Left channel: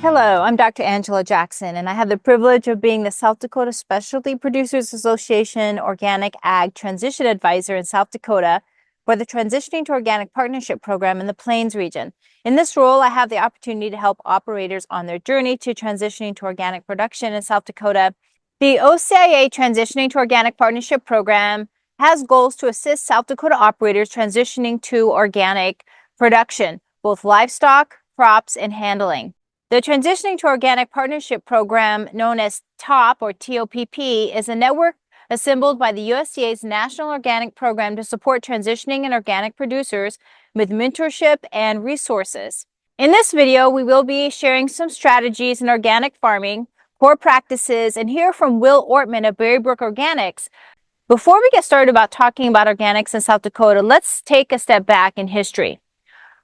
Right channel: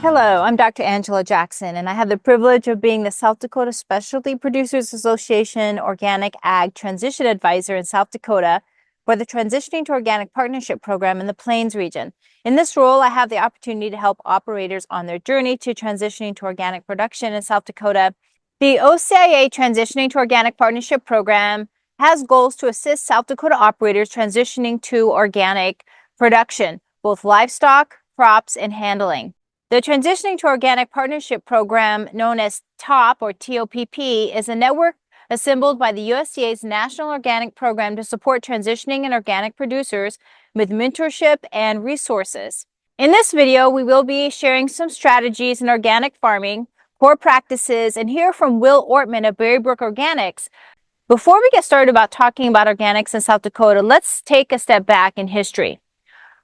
Hello, I'm Dr. Angela Jackson, and I have the privilege of being the South Dakota Specialty Producers Association Organic Ag Transition Advisor in South Dakota for the Transitioning to Organic Partnership Program in the Plains region. In this role, I have the opportunity to help operators on their journey to transitioning to organic production in South Dakota. The OCIA Transitioning to Organic Partnership Program has goals to assist South Dakota operators transitioning to organic production, both livestock, crops, and handling. The Transitioning to Organic Partnership Program, known as TOPP or TOPP, is a network assembled by the USDA's National Organic Program to support transitioning and organic producers with mentorship and resources. In this video, we will be sharing some strategies in organic farming, core practices, and hear from Will Ortman of Berrybrook Organics. Before we get started about talking about organics in South Dakota, let's take a step back in history.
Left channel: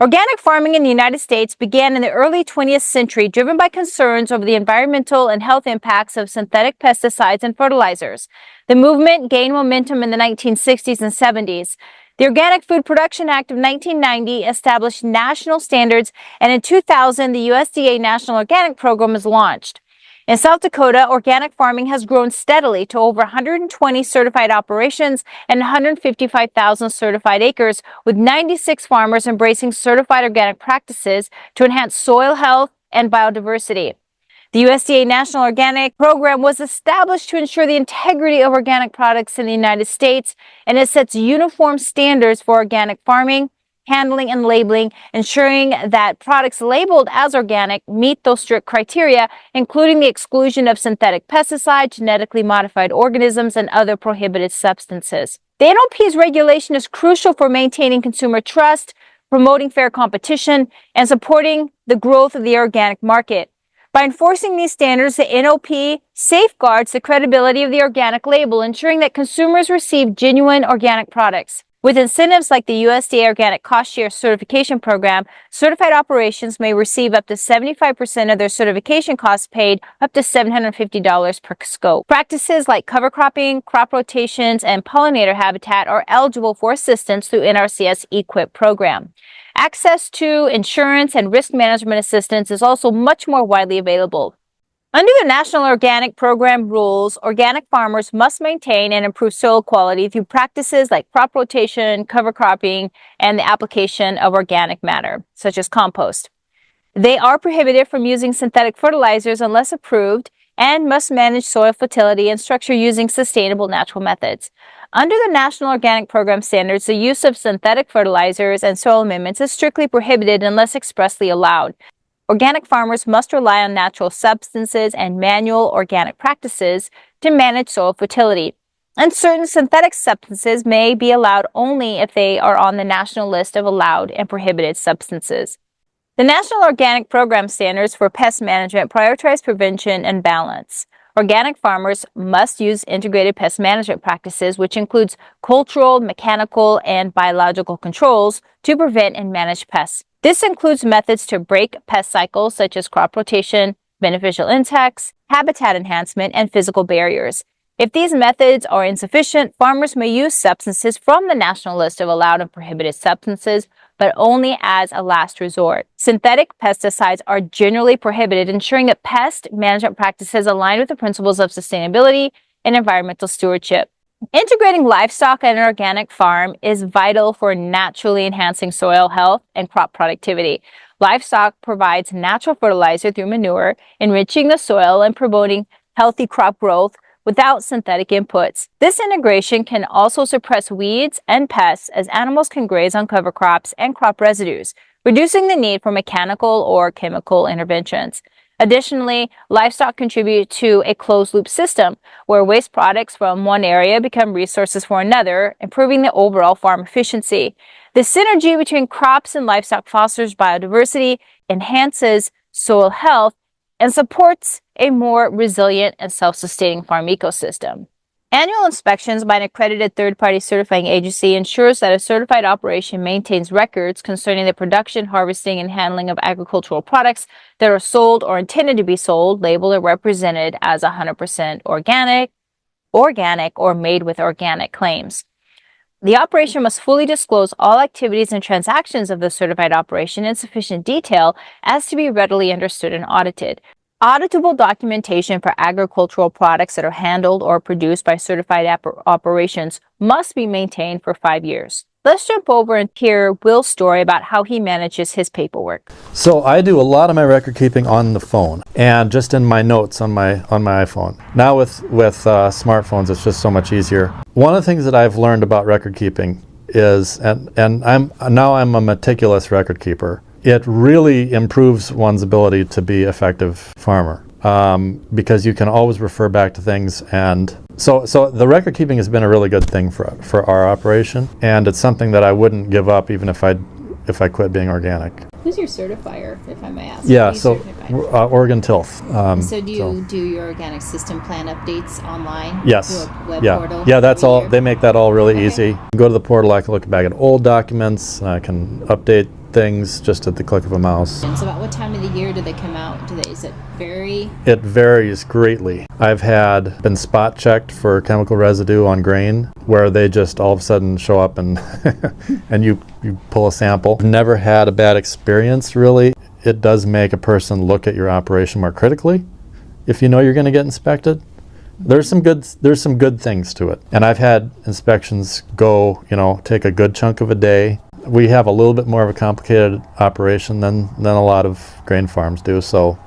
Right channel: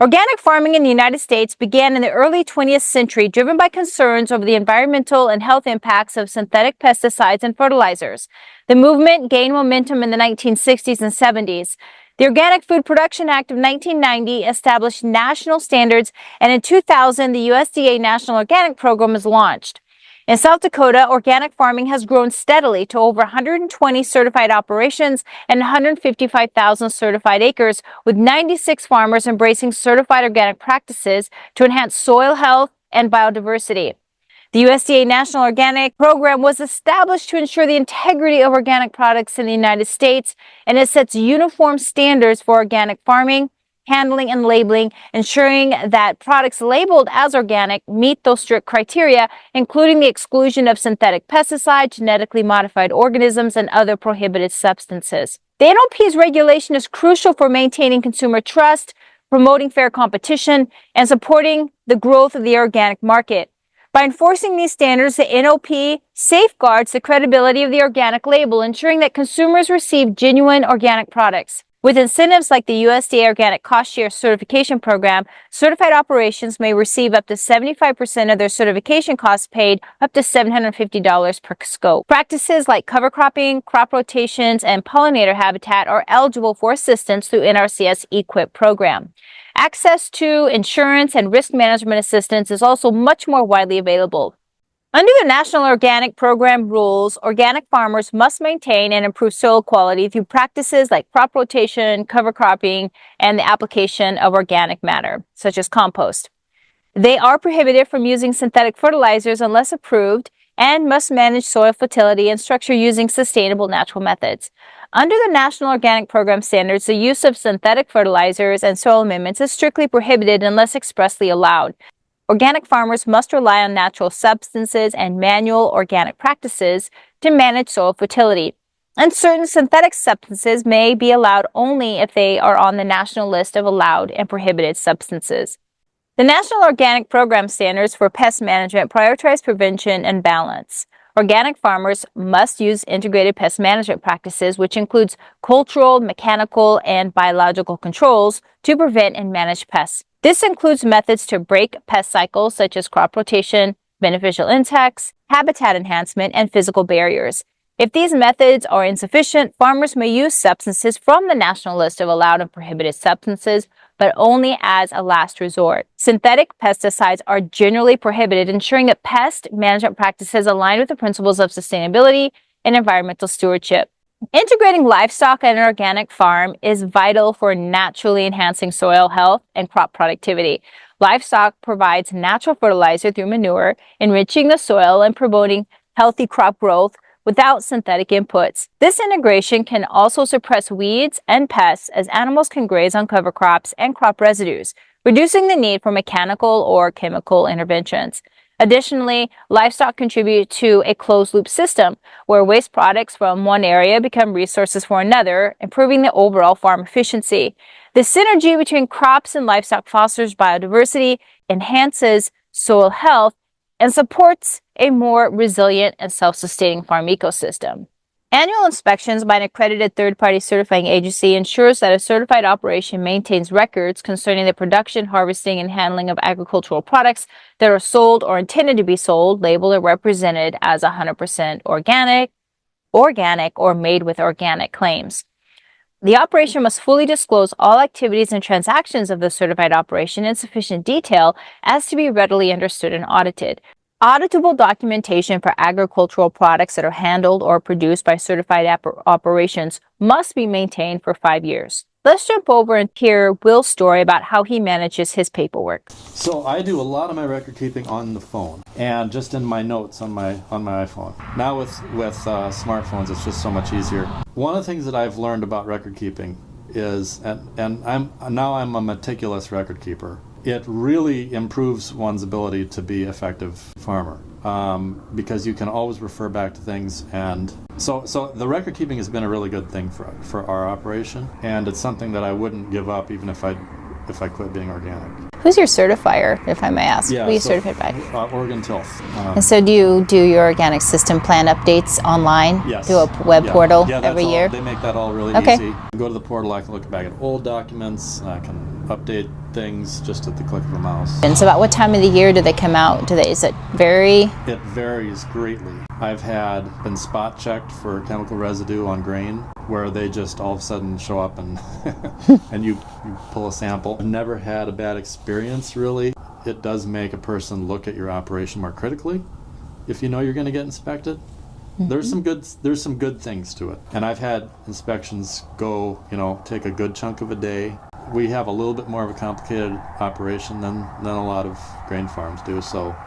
Organic farming in the United States began in the early 20th century, driven by concerns over the environmental and health impacts of synthetic pesticides and fertilizers. The movement gained momentum in the 1960s and 70s. The Organic Food Production Act of 1990 established national standards, and in 2000, the USDA National Organic Program was launched. In South Dakota, organic farming has grown steadily to over 120 certified operations and 155,000 certified acres, with 96 farmers embracing certified organic practices to enhance soil health and biodiversity. The USDA National Organic Program was established to ensure the integrity of organic products in the United States, and it sets uniform standards for organic farming, handling, and labeling, ensuring that products labeled as organic meet those strict criteria, including the exclusion of synthetic pesticides, genetically modified organisms, and other prohibited substances. The NOP's regulation is crucial for maintaining consumer trust, promoting fair competition, and supporting the growth of the organic market. By enforcing these standards, the NOP safeguards the credibility of the organic label, ensuring that consumers receive genuine organic products. With incentives like the USDA Organic Cost Share Certification Program, certified operations may receive up to 75% of their certification costs paid, up to $750 per scope. Practices like cover cropping, crop rotations, and pollinator habitat are eligible for assistance through NRCS EQIP program. Access to insurance and risk management assistance is also much more widely available. Under the National Organic Program rules, organic farmers must maintain and improve soil quality through practices like crop rotation, cover cropping, and the application of organic matter, such as compost. They are prohibited from using synthetic fertilizers unless approved, and must manage soil fertility and structure using sustainable natural methods. Under the National Organic Program standards, the use of synthetic fertilizers and soil amendments is strictly prohibited unless expressly allowed. Organic farmers must rely on natural substances and manual organic practices to manage soil fertility. And certain synthetic substances may be allowed only if they are on the national list of allowed and prohibited substances. The National Organic Program standards for pest management prioritize prevention and balance. Organic farmers must use integrated pest management practices, which includes cultural, mechanical, and biological controls to prevent and manage pests. This includes methods to break pest cycles such as crop rotation, beneficial insects, habitat enhancement, and physical barriers. If these methods are insufficient, farmers may use substances from the national list of allowed and prohibited substances, but only as a last resort. Synthetic pesticides are generally prohibited, ensuring that pest management practices align with the principles of sustainability and environmental stewardship. Integrating livestock and an organic farm is vital for naturally enhancing soil health and crop productivity. Livestock provides natural fertilizer through manure, enriching the soil and promoting healthy crop growth without synthetic inputs. This integration can also suppress weeds and pests, as animals can graze on cover crops and crop residues, reducing the need for mechanical or chemical interventions. Additionally, livestock contribute to a closed-loop system where waste products from one area become resources for another, improving the overall farm efficiency. The synergy between crops and livestock fosters biodiversity, enhances soil health, and supports a more resilient and self-sustaining farm ecosystem. Annual inspections by an accredited third-party certifying agency ensures that a certified operation maintains records concerning the production, harvesting, and handling of agricultural products that are sold or intended to be sold, labeled or represented as 100% organic, or made with organic claims. The operation must fully disclose all activities and transactions of the certified operation in sufficient detail as to be readily understood and audited. Auditable documentation for agricultural products that are handled or produced by certified operations must be maintained for 5 years. Let's jump over and hear Will's story about how he manages his paperwork. So I do a lot of my record keeping on the phone and just in my notes on my iPhone. Now with smartphones, it's just so much easier. One of the things that I've learned about record keeping is, and I'm a meticulous record keeper. It really improves one's ability to be effective farmer because you can always refer back to things. And so the record keeping has been a really good thing for our operation, and it's something that I wouldn't give up even if I quit being organic. Who's your certifier, if I may ask? Yeah, Who are you so certified by? Oregon Tilth. And so do you do your organic system plan updates online? Yes. Through a web portal? Yeah, that's every all. year? They make that all really Okay. easy. Go to the portal, I can look back at old documents, I can update things just at the click of a mouse. And so about what time of the year do they come out? Is it vary? It varies greatly. I've been spot checked for chemical residue on grain where they just all of a sudden show up and and you pull a sample. I've never had a bad experience really. It does make a person look at your operation more critically if you know you're going to get inspected. Mm-hmm. There's some good things to it. And I've had inspections go, take a good chunk of a day. We have a little bit more of a complicated operation than a lot of grain farms do. So,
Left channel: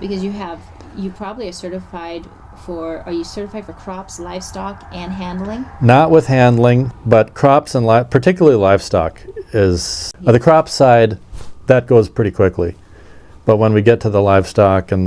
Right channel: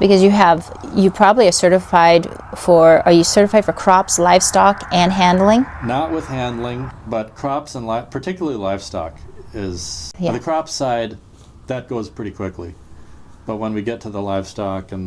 because you probably are certified are you certified for crops, livestock, and handling? Not with handling, but crops and particularly livestock is the crop side. That goes pretty quickly, but when we get to the livestock and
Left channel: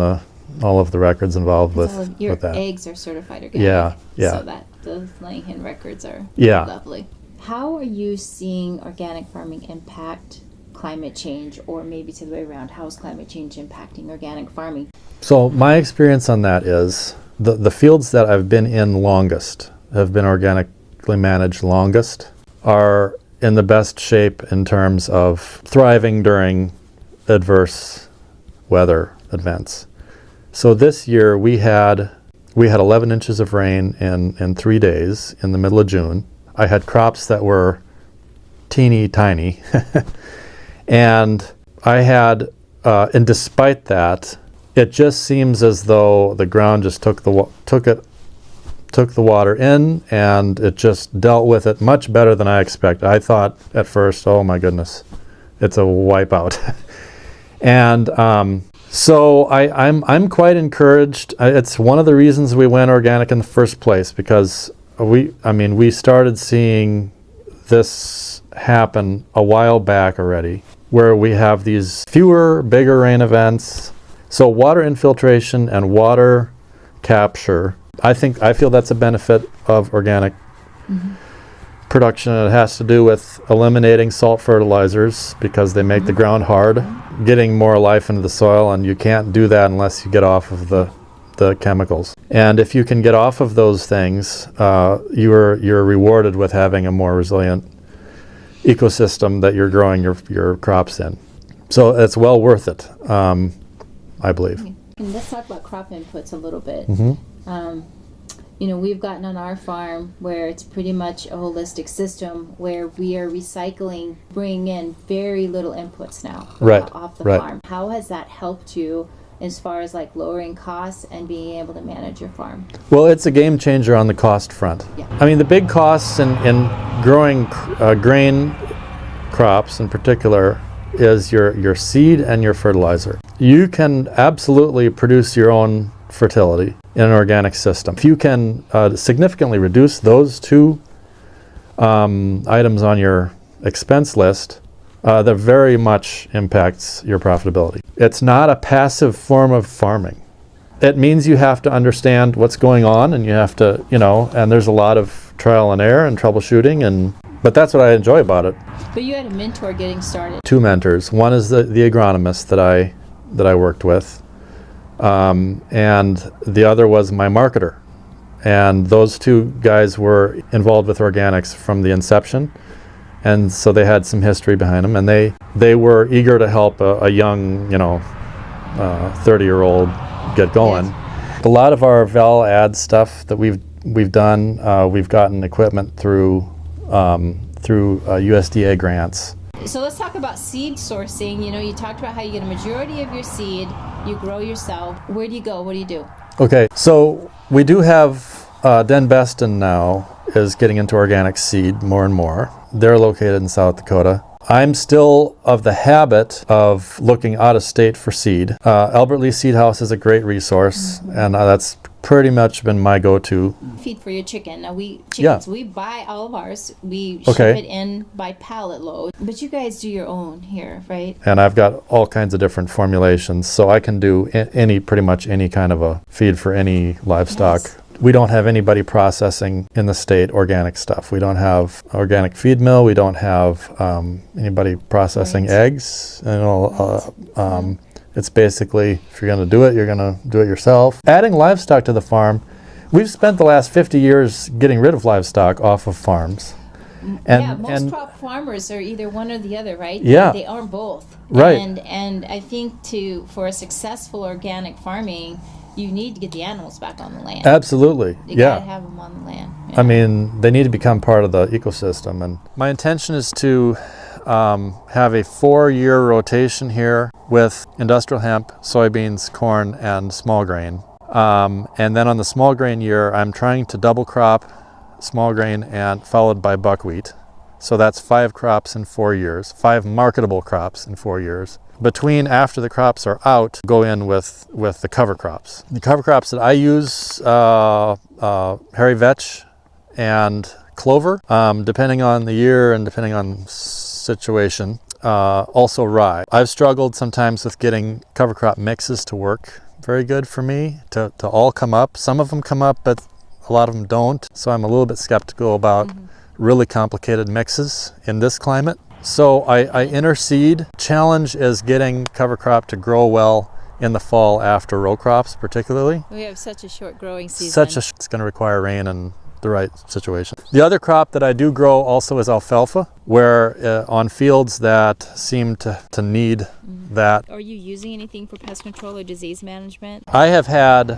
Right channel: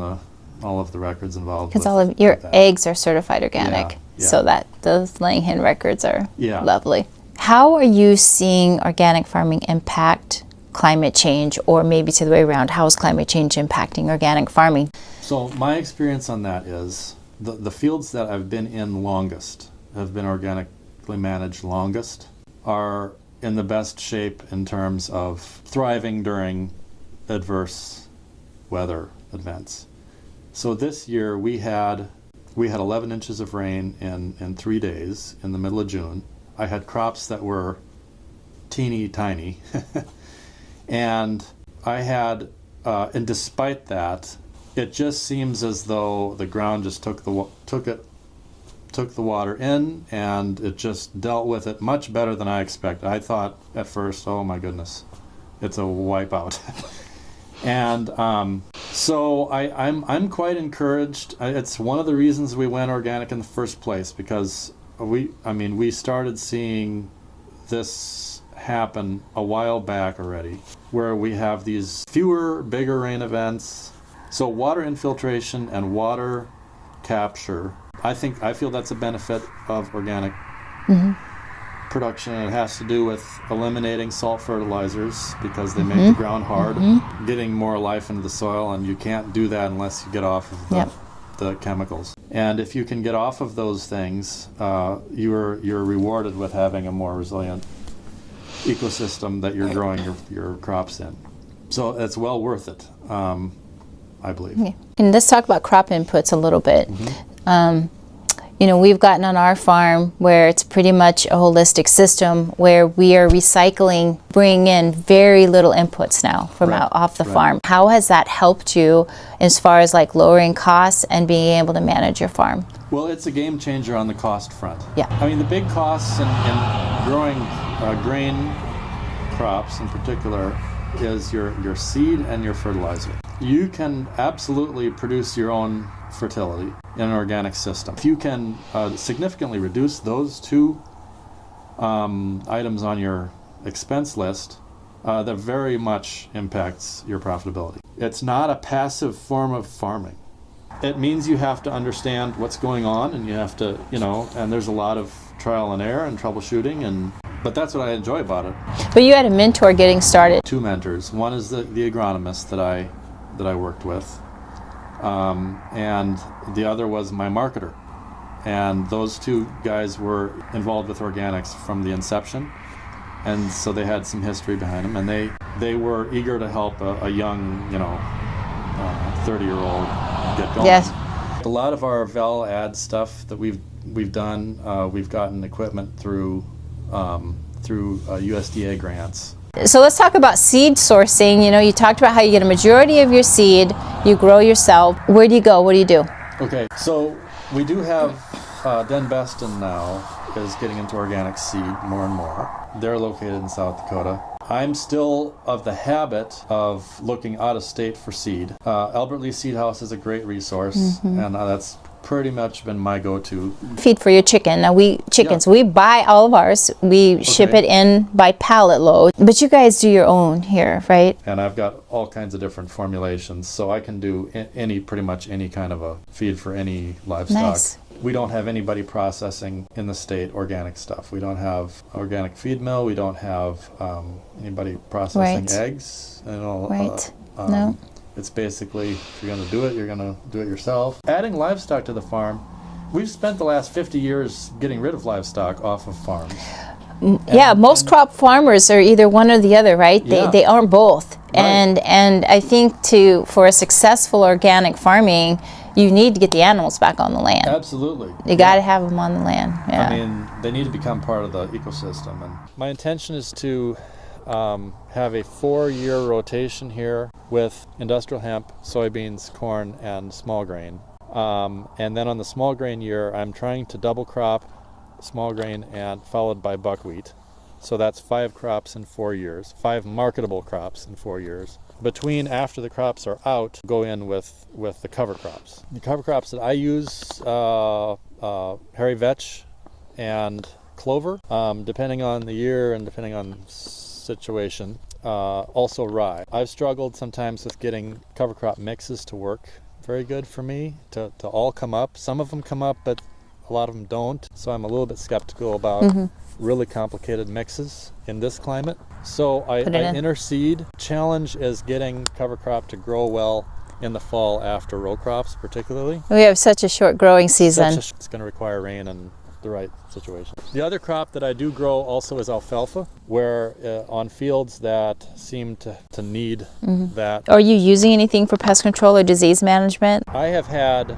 all of the records involved, because all of your eggs are certified organic, yeah. So that those laying hen records are lovely. How are you seeing organic farming impact climate change, or maybe to the way around? How is climate change impacting organic farming? So my experience on that is the fields that I've been in longest, have been organically managed longest, are in the best shape in terms of thriving during adverse weather events. So this year we had 11 inches of rain in 3 days in the middle of June. I had crops that were teeny tiny and I had and despite that, it just seems as though the ground just took the water in, and it just dealt with it much better than I expected. I thought at first, oh my goodness, it's a wipeout. And so I'm quite encouraged. It's one of the reasons we went organic in the first place, because we started seeing this happen a while back already, where we have these fewer, bigger rain events. So water infiltration and water capture, I feel that's a benefit of organic production. It has to do with eliminating salt fertilizers because they make the ground hard, getting more life into the soil, and you can't do that unless you get off of the chemicals. And if you can get off of those things, you're rewarded with having a more resilient ecosystem that you're growing your crops in. So it's well worth it, I believe. Okay. And let's talk about crop inputs a little bit. We've gotten on our farm where it's pretty much a holistic system where we are recycling, bringing in very little inputs now from off the farm. How has that helped you as far as like lowering costs and being able to manage your farm? Well, it's a game changer on the cost front. Yeah. I mean, the big costs in growing grain crops in particular is your seed and your fertilizer. You can absolutely produce your own fertility in an organic system. If you can significantly reduce those two items on your expense list, that very much impacts your profitability. It's not a passive form of farming. It means you have to understand what's going on, and you have to, and there's a lot of trial and error and troubleshooting, but that's what I enjoy about it. But you had a mentor getting started. 2 mentors. One is the agronomist that I worked with, and the other was my marketer. And those 2 guys were involved with organics from the inception, and so they had some history behind them, and they were eager to help a young 30-year-old get going. Yes. A lot of our val ad stuff that we've done, we've gotten equipment through through USDA grants. So let's talk about seed sourcing. You know, you talked about how you get a majority of your seed, you grow yourself. Where do you go? What do you do? Okay, so we do have Den Beston now is getting into organic seed more and more. They're located in South Dakota. I'm still of the habit of looking out of state for seed. Albert Lee Seed House is a great resource, and that's pretty much been my go-to. Feed for your chicken. Now we buy all of ours. We ship it in by pallet load. But you guys do your own here, right? And I've got all kinds of different formulations, so I can do pretty much any kind of a feed for any livestock. Nice. We don't have anybody processing in the state organic stuff. We don't have organic feed mill. We don't have anybody processing eggs. You know, No. It's basically, if you're going to do it, you're going to do it yourself. Adding livestock to the farm, we've spent the last 50 years getting rid of livestock off of farms. Most crop farmers are either one or the other, right? They aren't both. Right. And I think for a successful organic farming, you need to get the animals back on the land. Absolutely. You got to have them on the land. Yeah. I mean, they need to become part of the ecosystem. And my intention is to have a 4-year rotation here with industrial hemp, soybeans, corn, and small grain. And then on the small grain year, I'm trying to double crop small grain and followed by buckwheat. So that's 5 crops in 4 years, 5 marketable crops in 4 years. After the crops are out, go in with the cover crops. The cover crops that I use, hairy vetch and clover, depending on the year and depending on situation. Also rye. I've struggled sometimes with getting cover crop mixes to work very good for me, to all come up. Some of them come up, but a lot of them don't. So I'm a little bit skeptical about really complicated mixes in this climate. So I interseed. Challenge is getting cover crop to grow well in the fall after row crops, particularly. We have such a short growing season. It's going to require rain and the right situation. The other crop that I do grow also is alfalfa, where on fields that seem to need that. Are you using anything for pest control or disease management? I have had,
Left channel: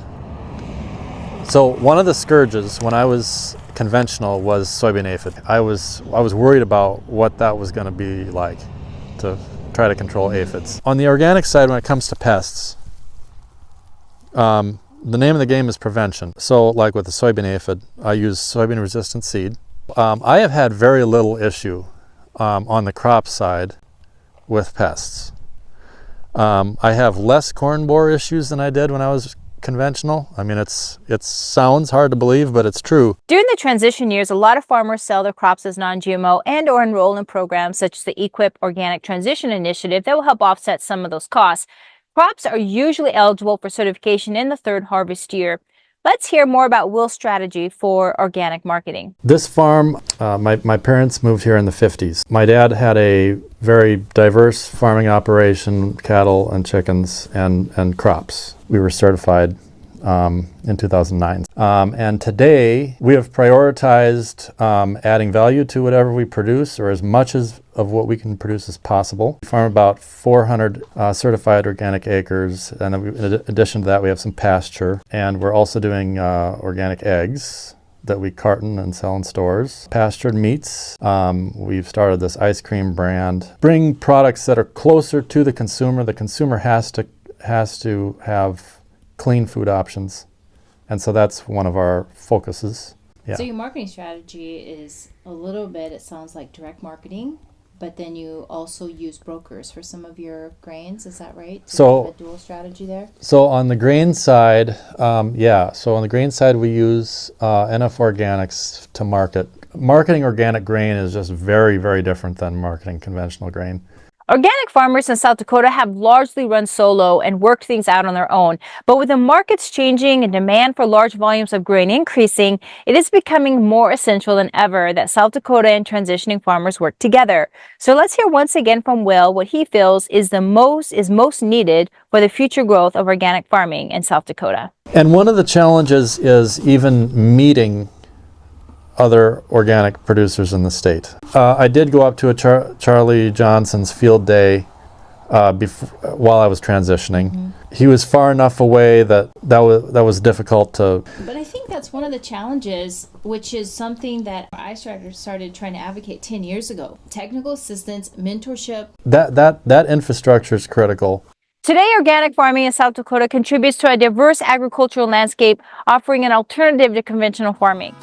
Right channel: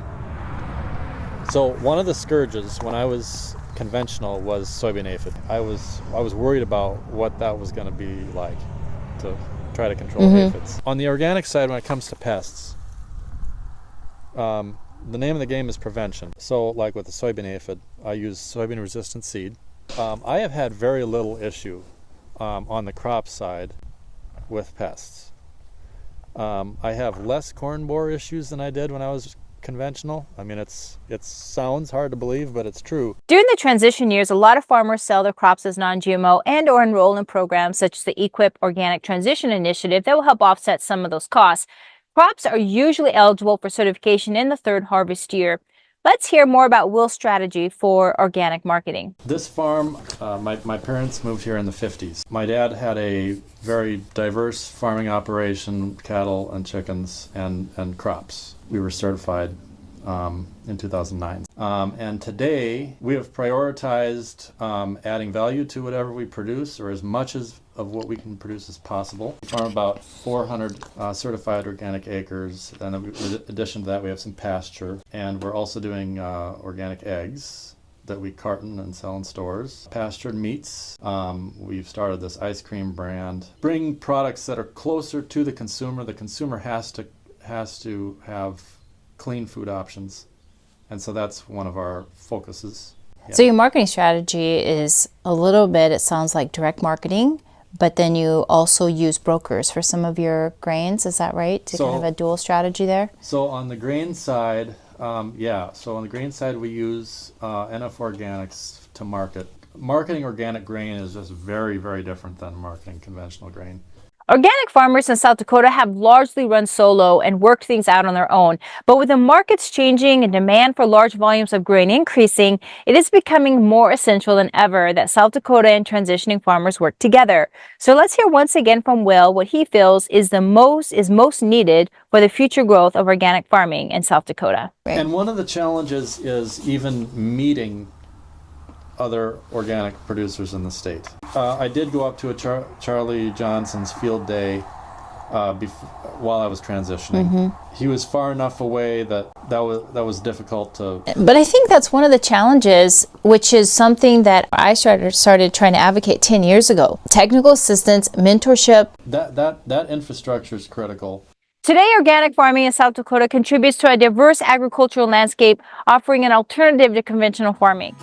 so one of the scourges when I was conventional was soybean aphid. I was worried about what that was going to be like to try to control aphids. On the organic side, when it comes to pests, the name of the game is prevention. So like with the soybean aphid, I use soybean resistant seed. I have had very little issue on the crop side with pests. I have less corn borer issues than I did when I was conventional. I mean, it sounds hard to believe, but it's true. During the transition years, a lot of farmers sell their crops as non-GMO and or enroll in programs such as the EQIP Organic Transition Initiative that will help offset some of those costs. Crops are usually eligible for certification in the 3rd harvest year. Let's hear more about Will's strategy for organic marketing. This farm, my parents moved here in the 50s. My dad had a very diverse farming operation, cattle and chickens and crops. We were certified in 2009. And today we have prioritized adding value to whatever we produce, or as much of what we can produce as possible. We farm about 400 certified organic acres, and in addition to that we have some pasture, and we're also doing organic eggs that we carton and sell in stores. Pastured meats. We've started this ice cream brand. Bring products that are closer to the consumer. The consumer has to have clean food options, and so that's one of our focuses. Yeah. So your marketing strategy is a little bit, it sounds like direct marketing, but then you also use brokers for some of your grains, is that right? So kind of a dual strategy there? So on the grain side, so on the grain side we use NF Organics to market. Marketing organic grain is just very, very different than marketing conventional grain. Organic farmers in South Dakota have largely run solo and worked things out on their own. But with the markets changing and demand for large volumes of grain increasing, it is becoming more essential than ever that South Dakota and transitioning farmers work together. So let's hear once again from Will what he feels is most needed for the future growth of organic farming in South Dakota. And one of the challenges is even meeting other organic producers in the state. I did go up to a Charlie Johnson's field day while I was transitioning. He was far enough away that was difficult to. But I think that's one of the challenges, which is something that I started trying to advocate 10 years ago. Technical assistance, mentorship. That infrastructure is critical. Today, organic farming in South Dakota contributes to a diverse agricultural landscape, offering an alternative to conventional farming.